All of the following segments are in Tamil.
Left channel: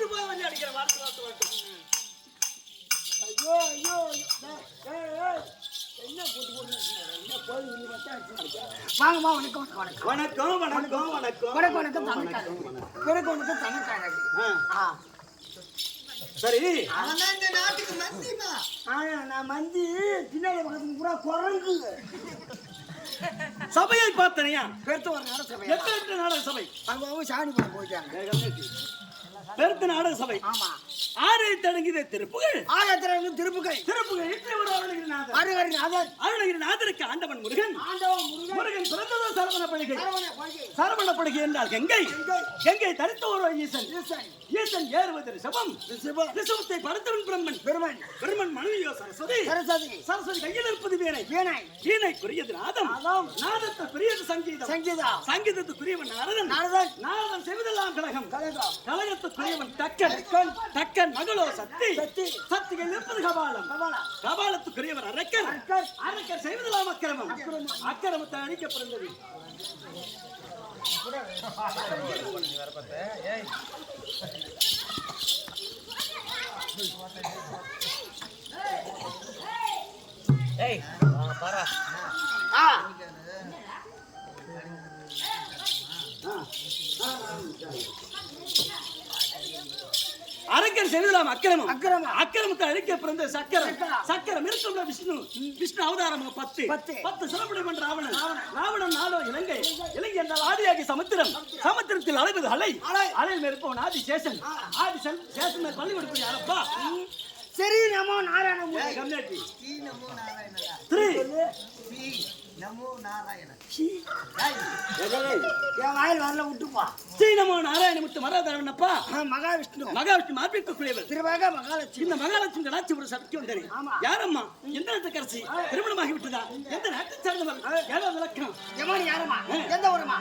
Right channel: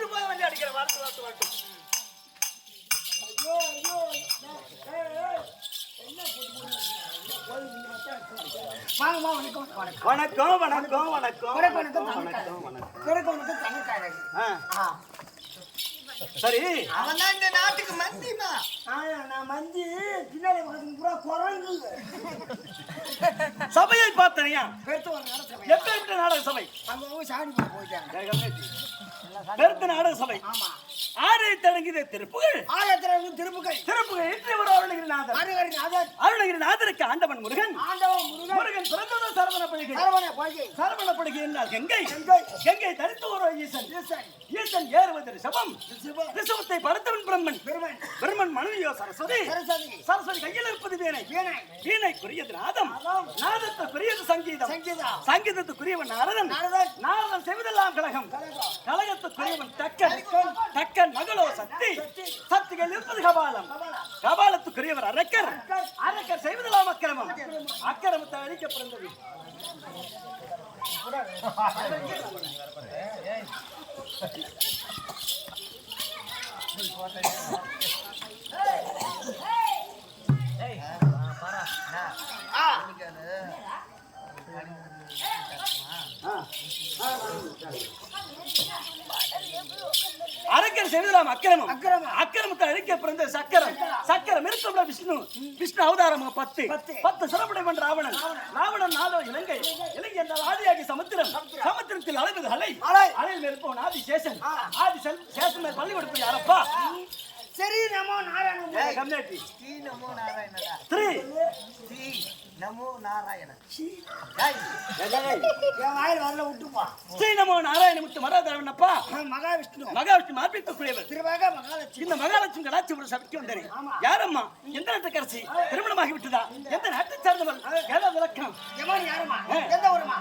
சாப்பிட்டு போய் வந்து அடிக்கிற வார்த்தை. ஐயோ ஐயோ என்ன போட்டு என்ன கோயில் வாங்கம்மா. வணக்கம் வணக்கம் வணக்கம் வணக்கம் வணக்கம் வணக்கம் வணக்கம் தனக்காக. சரி, அவன் இந்த நாட்டுக்கு மந்திமா. நான் மந்தி பின்னாடி பக்கத்துக்கு பூரா குரங்கு. சபையை பார்த்தனையா? பெருத்த ஒரு நாடக சபை. எப்ப நாடக சபை? அவங்க சாணி போட்டு போயிட்டாங்க. பெருத்த நாடக சபை. ஆமா. ஆறு தொடங்கிய திருப்புகள். திருப்புகள் அருணகிரிநாதருக்கு ஆண்டவன் முருகன். முருகன் பிறந்தது சரவணப்படிகை. சரவணப்படிகை என்றால் கங்கை. கங்கை தரித்த ஒரு ஈசன். ஈசன் ஏறுவது ரிஷபம். ரிஷபத்தை படைத்தவன் பிரம்மன். பிரம்மன் மனைவியோ சரஸ்வதி. சரஸ்வதி கையில் இருப்பது வீணை. வீணைக்குரியது நாதம். நாதத்துக்குரியது சங்கீதம். சங்கீதத்துக்குரியவன் நாரதன். நாரதன் செய்வதெல்லாம் கலகம். கலகத்துக்குரியவன் தக்கன். தக்கன் மகளோ சக்தி. சக்திகள் இருப்பது கபாலம். கபாலத்துக்குரியவர் அரக்கர். அரக்கர் செய்வதெல்லாம் அக்கிரமம். அக்கிரமத்தை அழிக்க பிறந்தது. அரக்கர் செய்வதெல்லாம் அக்கிரமம். அக்கிரமத்தை அழிக்க பிறந்த சக்கரம். சக்கரம் இருக்கும் விஷ்ணு. விஷ்ணு அவதாரம் 10 சிறப்புடை பண்ற ராவணன். ராவணன் நாளோ இலங்கை. இலங்கை என்றால் ஆதியாகி சமுத்திரம். சமுத்திரத்தில் அலைவது அலை. அலையில் இருப்பவன் ஆதி சேஷன். ஆதி சேஷன் மேல் பள்ளி கொடுப்பது யாரப்பா? சரி, நமோ நாராயண. நமோ நாராயணடா. நமோ நாராயண. என் வாயில் வரல விட்டுப்பா. ஸ்ரீ நமோ நாராயண முத்து மராதவனப்பா. மகாவிஷ்ணு. மகாவிஷ்ணு மார்பிக்கக்கூடியவர். திருவாக மகாலட்சுமி. இந்த மகாலட்சுமி கலாச்சி சபைக்கு வந்தேன். யாரம்மா? எந்த நாட்டுக்கரசி? திருமணமாகி விட்டதா? எந்த நாட்டை சார்ந்தவள்? ஏதாவது இலக்கணம்? எமானி யாரம்மா? எந்த ஊரம்மா?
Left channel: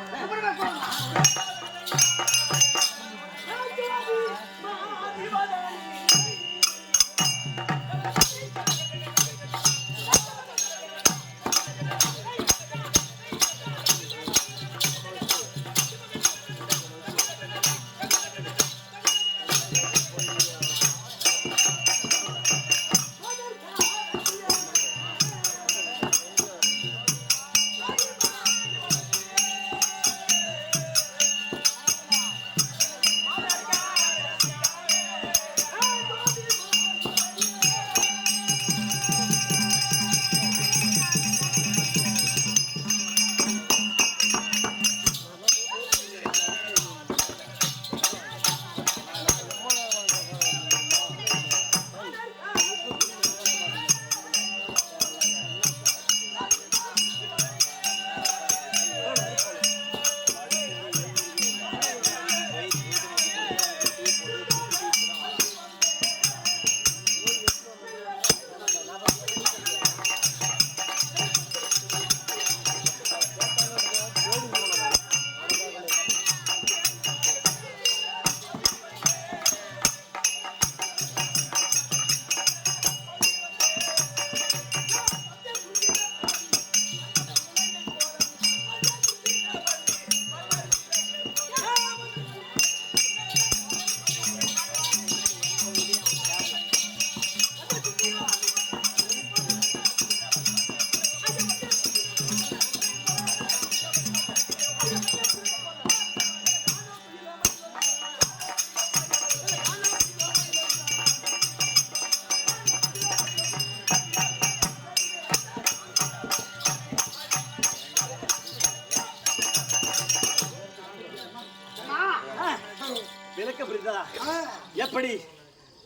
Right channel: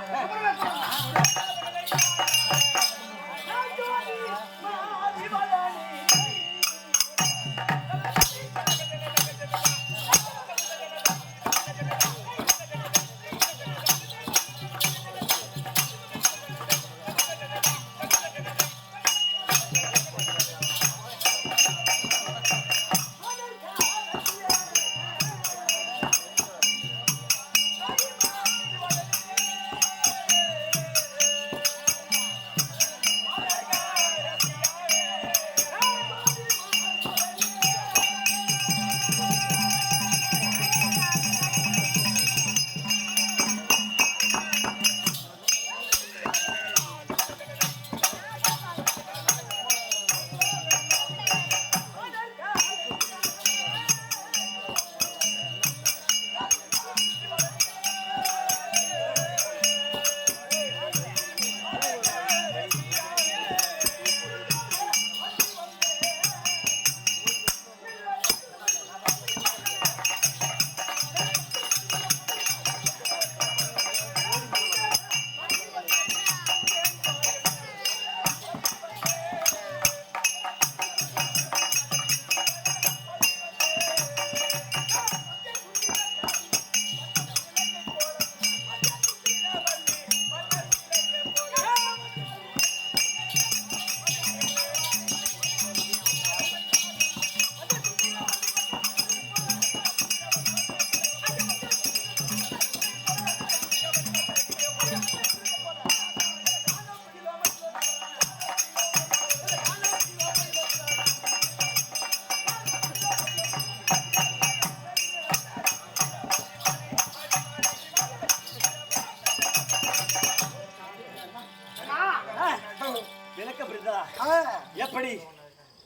எப்படி?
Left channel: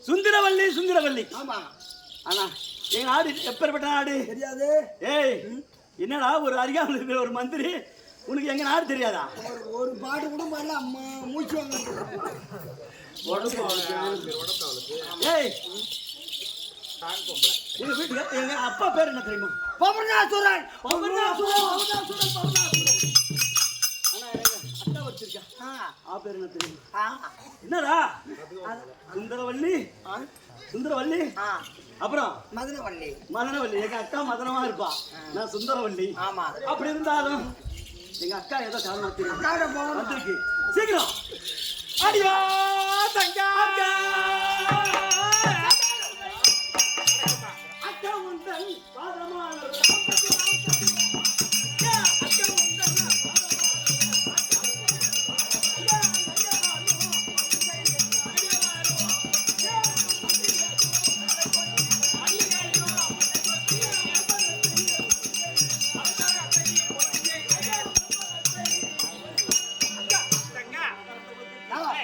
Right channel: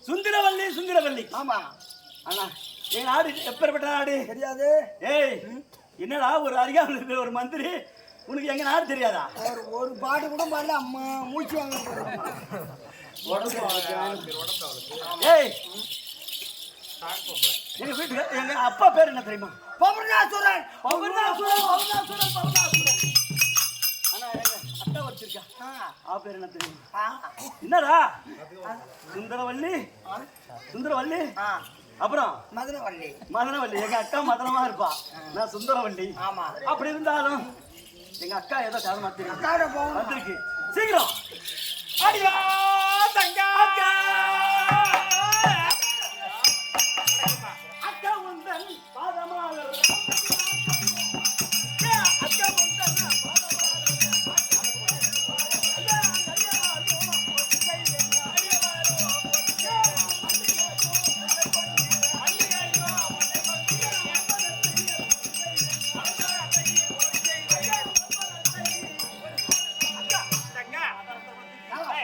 சுந்தரவல்லி. சுந்தரவல்லி. ஆமா. ஆனா எங்க நாடு எப்பேற்பட்ட நாடு தெரியாது. ஏய், என்னடா ஒரு அறியாமல் இருக்கிற ஒரு மந்திரி, உனக்கு எங்க நாடு தெரியாதா? ஒரு பாட்டு கூட பாடல. அம்மா மூச்சு வாங்க. ஏய், எங்க வீட்டுல எங்க அப்பா பேர் என்ன தெரியுமா? பவனாசுரன். ஆனா எங்க அட்டா வச்சிருக்கா. பேர் என்ன தெரியுமா? என்னடா? சுந்தரவல்லி. சுந்தரவல்லி. அப்புறம் மதனவல்லி. மதனவல்லி. எங்க அக்கா மதனமா இருப்பா, நான் சுந்தரவல்லி. ஆமா. அப்படி இருந்தாலும் எங்க அக்கா ஏதோ காரணமா தெரியும் வந்திருக்கு. சீக்கிரம் அடியா தங்கா.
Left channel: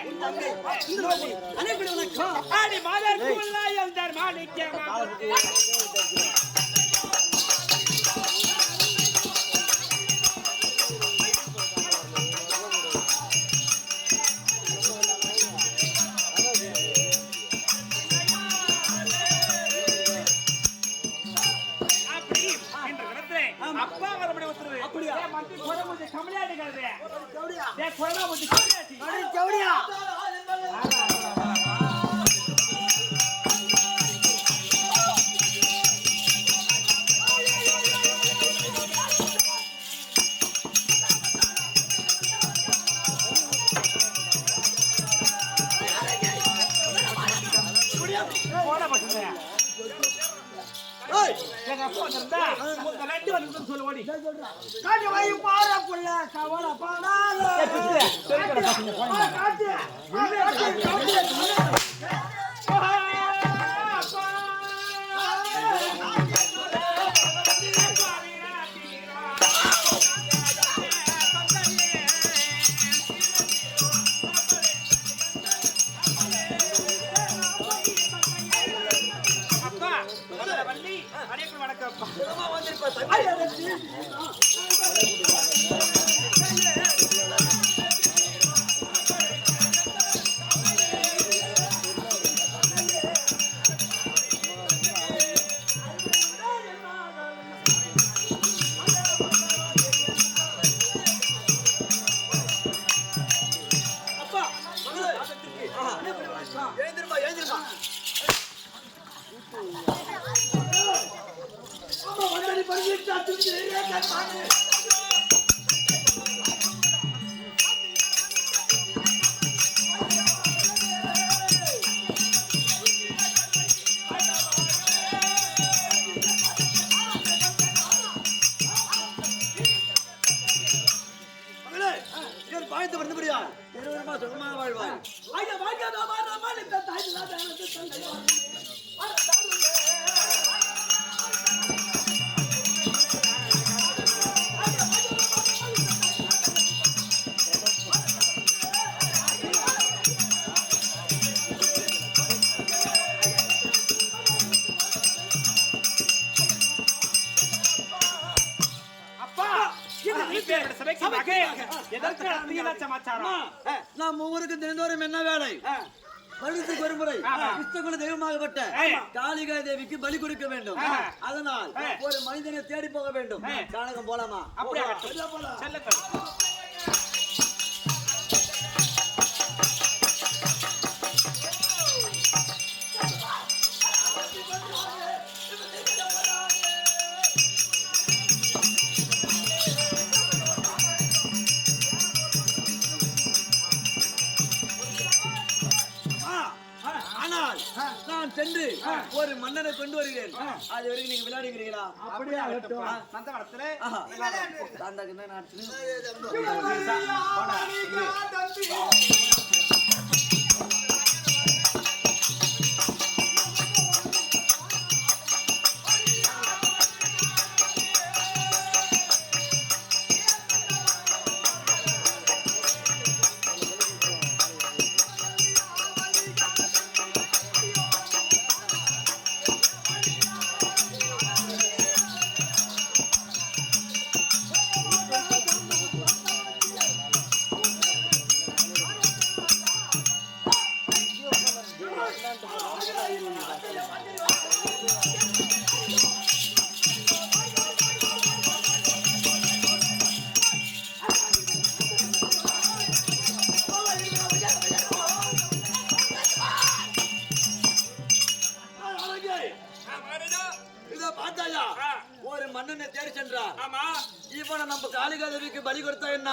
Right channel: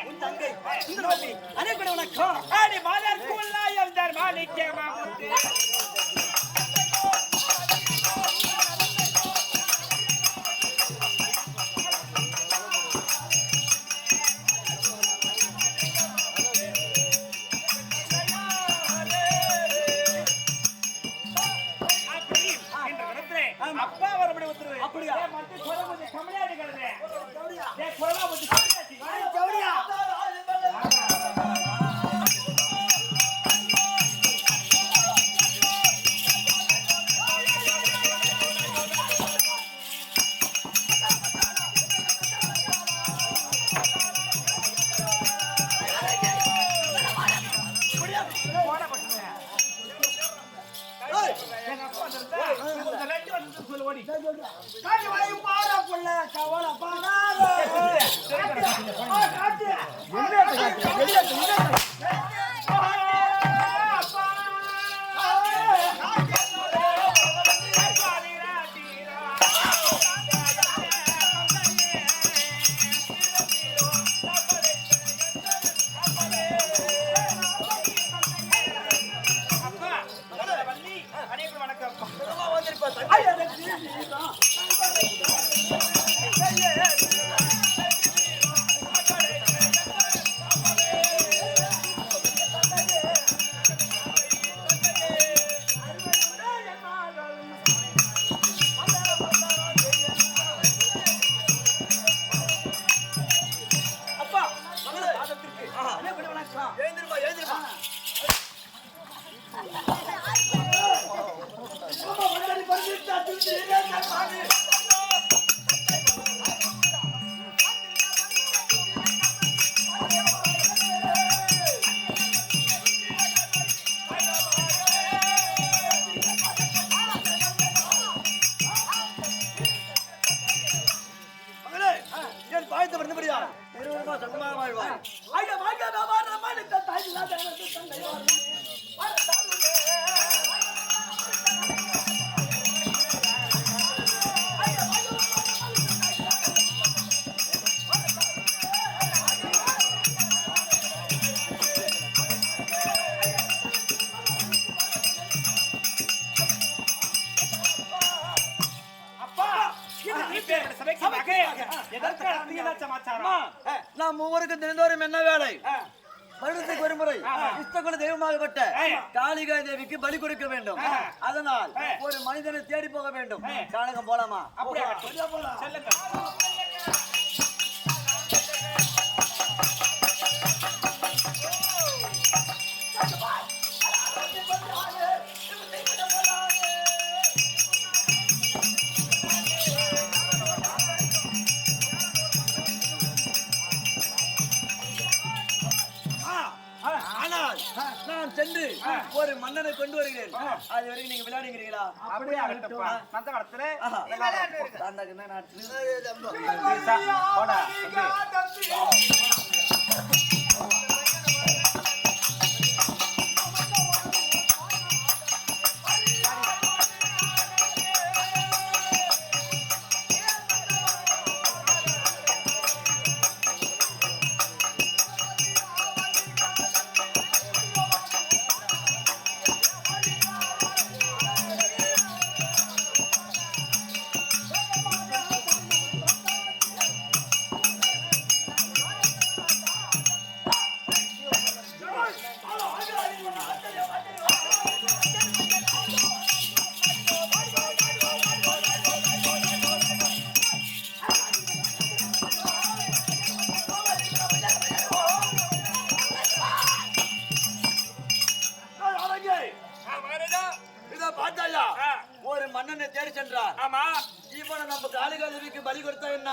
உன் தங்கை சுந்தரவல்லி அனைவரும் வணக்கம். ஆடி மாதர் குல்லாயம் தர் மாணிக்க மாமுத்து அப்பா வரபடி உத்தரவு. அப்படியா? மந்தி கொர முதி கமலியாடி கல்வே. கவுடியா? கொரனா முதி கமலியாடி. கவுடியா? எங்க அப்பா வந்திருந்தா உங்க ரெண்டு வந்து சொல்ல ஓடி. காட்டுவாய் பாரா புள்ள கவலை பாடாத. காட்டு. சுகமாக வாழ்வாய். நாம் ஒவ்வொருக்கும் தினந்தோறும் என்ன வேலை? வருடத்துக்கு ஒரு முறை கிருஷ்ணகுல தெய்வமாகப்பட்ட காளிகா தேவிக்கு பலி கொடுக்க வேண்டும். அதனால் ஒரு மனிதனை தேடி போக வேண்டும். கானகம் போலாமா? நான் சென்று ஒரு மன்னனை கொண்டு வருகிறேன். அது வரைக்கும் நீங்க விளையாடுகிறீங்களா? அப்படியே அந்த காலத்துல ஒரு மன்னனை தேடி சென்றார். ஆமா, இவனை நம்ம காளிகா தேவிக்கு பலி கொடுத்தா என்ன?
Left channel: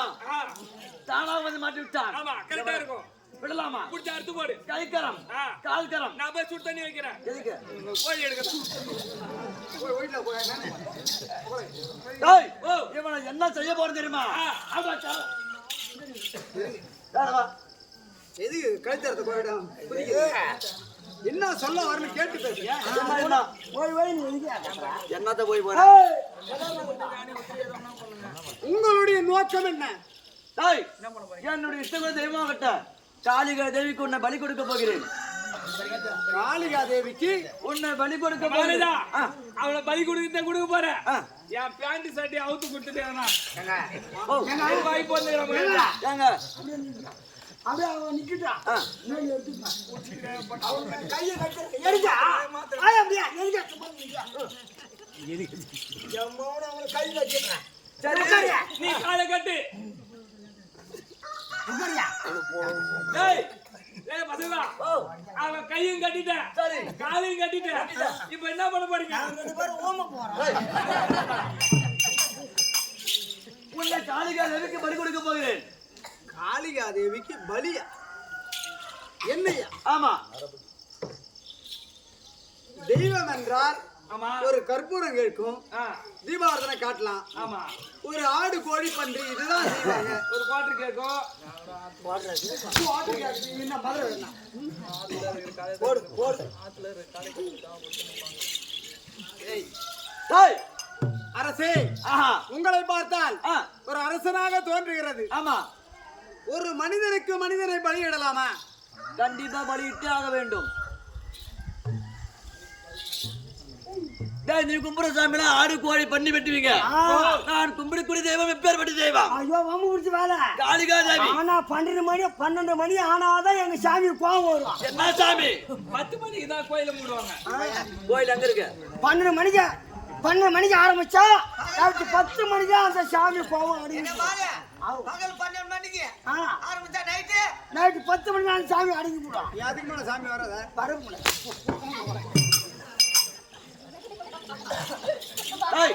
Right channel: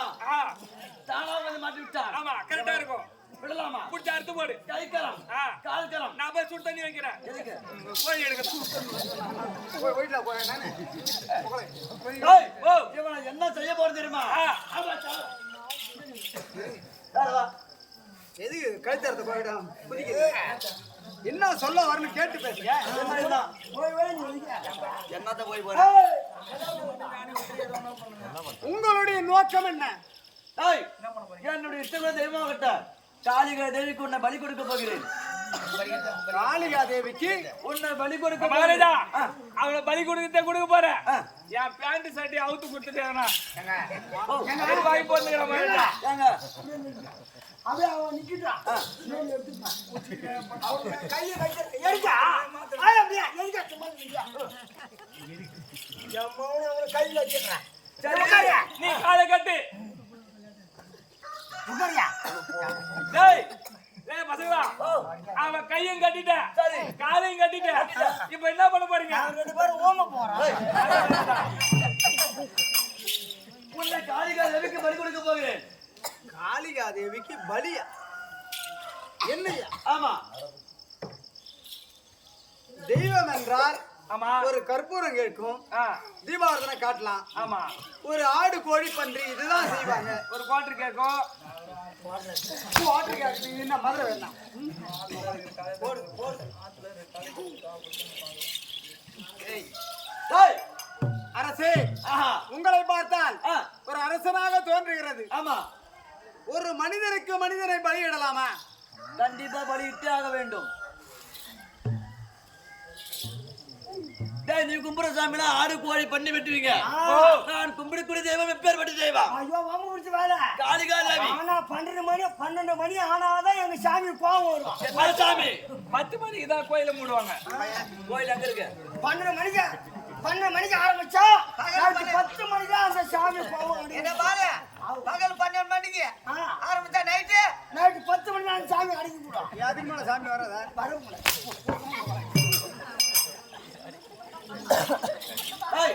தானா வந்து மாட்டி விட்டான். ஆமா, கரெக்டா இருக்கும். விடலாமா? புடிச்ச அறுத்து போடு. கைக்கரம் கால்கரம். நான் போய் சுடு தண்ணி வைக்கிறேன். எதுக்கு? கோழி எடுக்கிறேன். இவனை என்ன செய்ய போறது தெரியுமா? எதுக்கு கழுத்தறத போயிடும்? என்ன சொல்ல வரணும் கேட்டு பேசுங்க. என்னத்த போய் போற? உங்களுடைய நோக்கம் என்ன? என்னுடைய இஷ்டகுல தெய்வமாகட்ட காளிகா தேவிக்கு உன்னை பலி கொடுக்க போகிறேன். காளிகா தேவிக்கு உன்னை பலி கொடுக்க மகாராஜா, போகிறேன். அவளை பலி கொடுக்க போறேன். என் பேண்ட் சட்டை அவுத்து கொடுத்துட்டேன். வாய் போட்டுக்கிறேன் மகாராஜா. ஏங்க அப்படியே அவன் நிக்கிட்டான் கையை கட்டுற எடுக்கா அப்படியா எதுக்கா சும்மா நிக்கிறா எம்மவன அவனை கையில் வச்சிடுறேன் சரி உட்காரியா நீ காலை கட்டு. உட்காரியா டேய் டேய் பசங்களா, அவன் கையும் கட்டிட்டேன், சரி காலையும் கட்டிட்டேன். இப்ப என்ன பண்ண போறீங்க? ரெண்டு பேரும் ஓம போறான் உன்னை காளிகா தேவிக்கு பலி கொடுக்க போகிறேன். காளிகா தேவிக்கு பலியா? என்னையா? ஆமா, தெய்வம் என்றால் ஆமா ஒரு கற்பூரம் கேட்கும், தீபாரதனை காட்டலாம். ஆமா, ஒரு ஆடு கோழி பன்றி இதுதான் செய்வாங்க. ஒரு குவார்டர் கேக்கும். ஆட்டு கேட்குது என்ன மதுரை வேணாம். டேய் அரசே, ஆஹா உங்களை பார்த்தால் ஆ ஒரு அரசனாக தோன்றுகிறது. ஆமா, ஒரு மனிதனுக்கு மனிதனை பலியிடலாமா? கண்டிப்பா பலியிட்டே ஆக வேண்டும். டேய், நீ கும்புற சாமிலாம் ஆடு கோழி பண்ணி வெட்டுவீங்க. நான் கும்பிடக்கூடிய தெய்வம் எப்பேற்பட்ட தெய்வம்? ஐயோ வாம குடிச்சு வேலை காளிகா தேவி. ஆனா 12 மணி ஆனாதான் எங்க சாமி கோவம் வரும். என்ன சாமி? 10 மணிக்கு தான் கோயில மூடுவாங்க. கோயில் அங்க இருக்கு. 12 மணிக்கு ஆரம்பிச்சா ராத்திரி 10 மணி தான் அந்த சாமி கோவம் அடங்கி பகல் 12 மணிக்கு ஆரம்பிச்சா நைட்டு 10 மணி அந்த சாமி அடங்கி போடும். அதுக்கு மேல சாமி வராத. டேய்,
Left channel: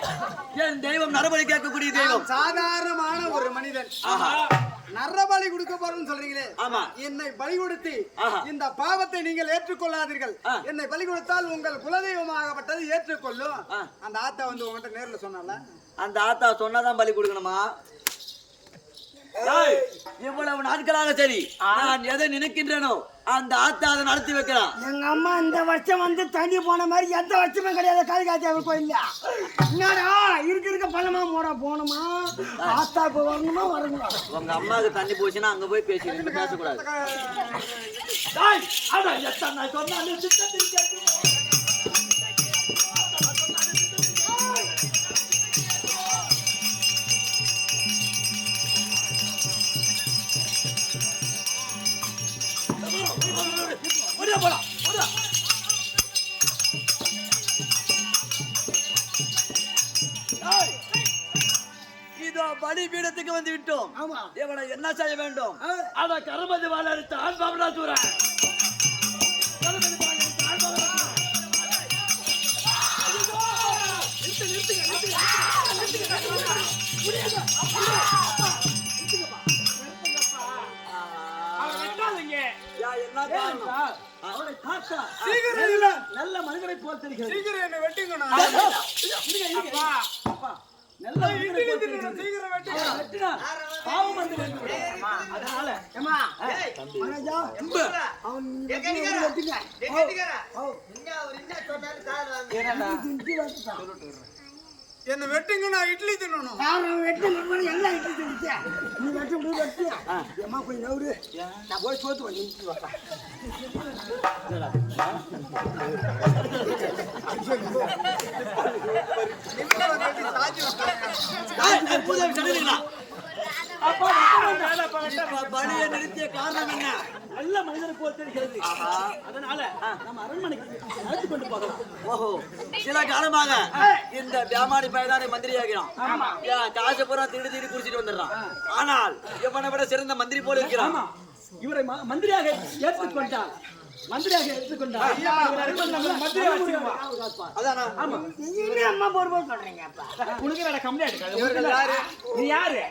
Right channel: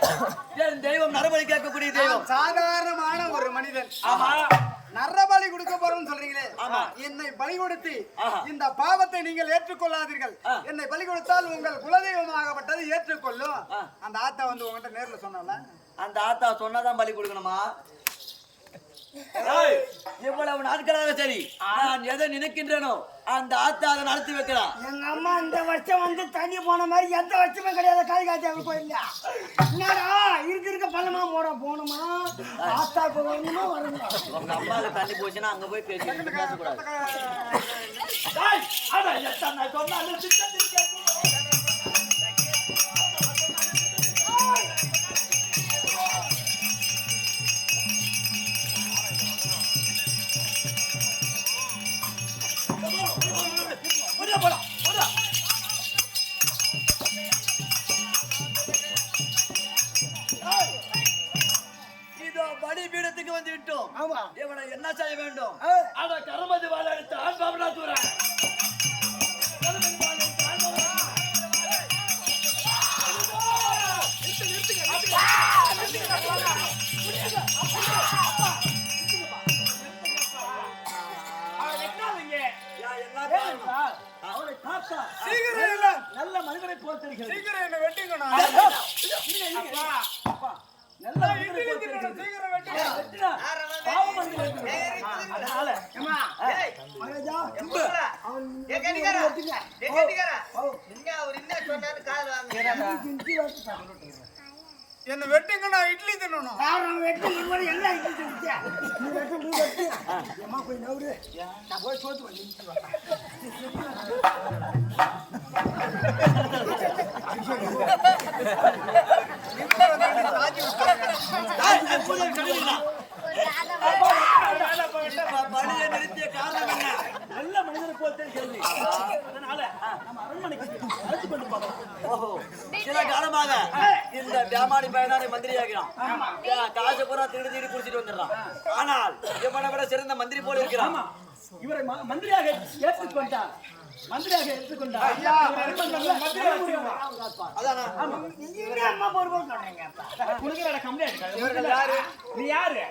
என் தெய்வம் நரபலி கேட்கக்கூடிய தெய்வம். சாதாரணமான ஒரு மனிதன் ஆஹா நரபலி கொடுக்க போறோம்னு சொல்றீங்களே, ஆமா. என்னை பலி கொடுத்து ஆஹா. இந்த பாவத்தை நீங்கள் ஏற்றுக்கொள்ளாதீர்கள். என்னை பலி கொடுத்தால் உங்கள் குலதெய்வமாகப்பட்டது ஏற்றுக்கொள்ளும். அந்த ஆத்தா வந்து உங்ககிட்ட நேர்ல சொன்னால, அந்த ஆத்தா சொன்னாதான் பலி கொடுக்கணுமா? டேய், இவ்வளவு நாட்களாக சரி நான் எதை நினைக்கின்றேனோ அந்த ஆத்தா அதை நடத்தி வைக்கிறான். எங்க அம்மா இந்த வருஷம் வந்து தண்ணி போன மாதிரி எந்த வருஷமே கிடையாது காளிகா தேவி கோயில்ல. என்னடா இருக்க பள்ளமா போனோமா ஆத்தா இப்ப வரணுமா வரணுமா? உங்க அம்மாவுக்கு தண்ணி போச்சுன்னா அங்க போய் பேசக்கூடாது. டேய், அட எத்தனை நான் சொன்னாலும் சித்தத்தில் கேட்கணும். ஒரே போலாம் ஒரே இதோ பலி பீடத்துக்கு வந்து விட்டோம். ஆமா இவனை என்ன செய்ய வேண்டும்? அட கருமதி வாழ எடுத்து ஆண் பாபனா தூரன். கருமதி வாழ எடுத்து ஆண் பாபனா அவனை பார்த்தா சீக்கிரம் இல்ல, நல்ல மனிதரை போல் தெரிகிறது. சீக்கிரம் என்ன வெட்டிக்கணும். நல்ல மனிதரை போல் தெரிகிறது. சீக்கிரம் வெட்டுங்க. அவரை வெட்டினால் பாவம் வந்து வேண்டும். அதனால ஏமா மகாராஜா அவன் வெட்டுங்க என்ன வெட்டுங்க, நான் இட்லி தின்னணும். வெட்டு எல்லாம் இட்லி தின்னுச்சு. நீ வெட்டு முடிவு வெட்டு அம்மா போய் நவுரு நான் போய் சோத்து பண்ணி நிமிஷம் வெட்டி சாச்சி விட்டுறாங்க. பலியை நிறுத்திய காரணம் என்ன? நல்ல மனிதரை போல் தெரிகிறது. அதனால நம்ம அரண்மனைக்கு அழைத்து கொண்டு போகலாம். ஓஹோ, சில காலமாக இந்த வியாபாரி பையனாரை மந்திரியாகிறான். காசு பூரா திருடி குடிச்சிட்டு வந்துடுறான். ஆனால் இவனை விட சிறந்த மந்திரி போல இருக்கிறான். ஆமா, இவரை மந்திரியாக ஏற்றுக்கொண்டால் ஐயா, அதானா? அம்மா பொறுப்பா சொல்றீங்க உனக்கு கம்ப்ளைண்ட். இவர்கள் யாரு? நீ யாரு?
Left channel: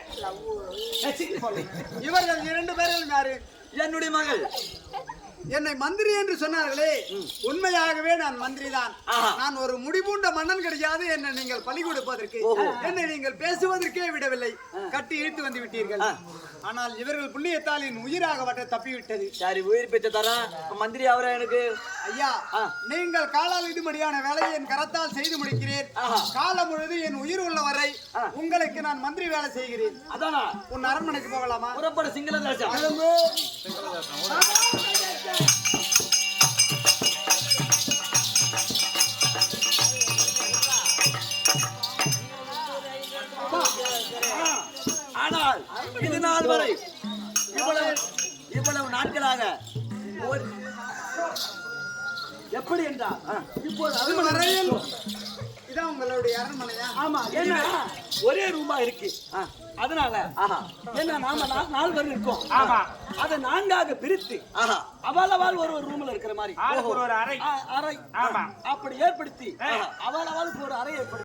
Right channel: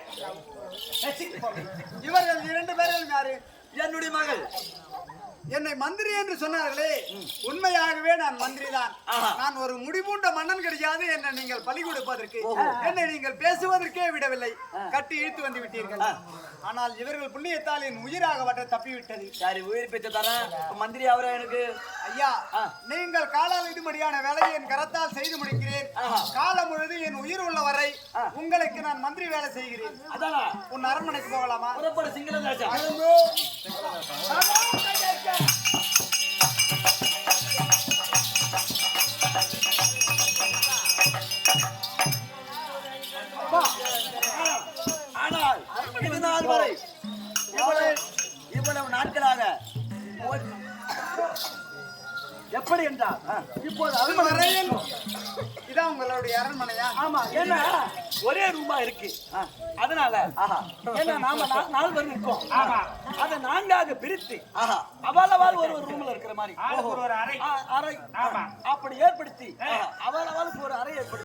இவர்கள் 2 பேர்கள் யாரு? என்னுடைய மகள். என்னை மந்திரி என்று சொன்னார்களே, உண்மையாகவே நான் மந்திரி தான். நான் ஒரு முடிபூண்ட மன்னன் கிடையாது. என்னை நீங்கள் பலி கொடுப்பதற்கு, என்னை நீங்கள் பேசுவதற்கே விடவில்லை, கட்டி இழுத்து வந்து விட்டீர்கள். ஆனால் இவர்கள் புண்ணியத்தால் என் உயிராகப்பட்ட தப்பிவிட்டது. சரி, உயிர் பெற்று தரேன். மந்திரி அவரே எனக்கு. ஐயா, நீங்கள் காலால் இதுபடியான வேலையை என் கரத்தால் செய்து முடிக்கிறேன். காலம் முழுது என் உயிர் உள்ள வரை உங்களுக்கு நான் மந்திரி வேலை செய்கிறேன். அதானா? உன் அரண்மனைக்கு போகலாமா? புறப்பட சிங்கள எப்படி என்றால் இப்போது இது வரையில் அரண்மனை இதான் உங்களுடைய அரண்மனையா? ஆமா, ஏன்னா ஒரே ரூமா இருக்கு. அதனால ஏன்னா நாம நால்வர் இருக்கோம். ஆமா. அதை 4ஆக பிரித்து அவள் ஒரு ரூம்ல இருக்கிற மாதிரி ஆளுக்கு ஒரு அறை. அறை அப்படி ஏற்படுத்தி அவளுக்கு ஒரு அறை ஏற்படுத்தி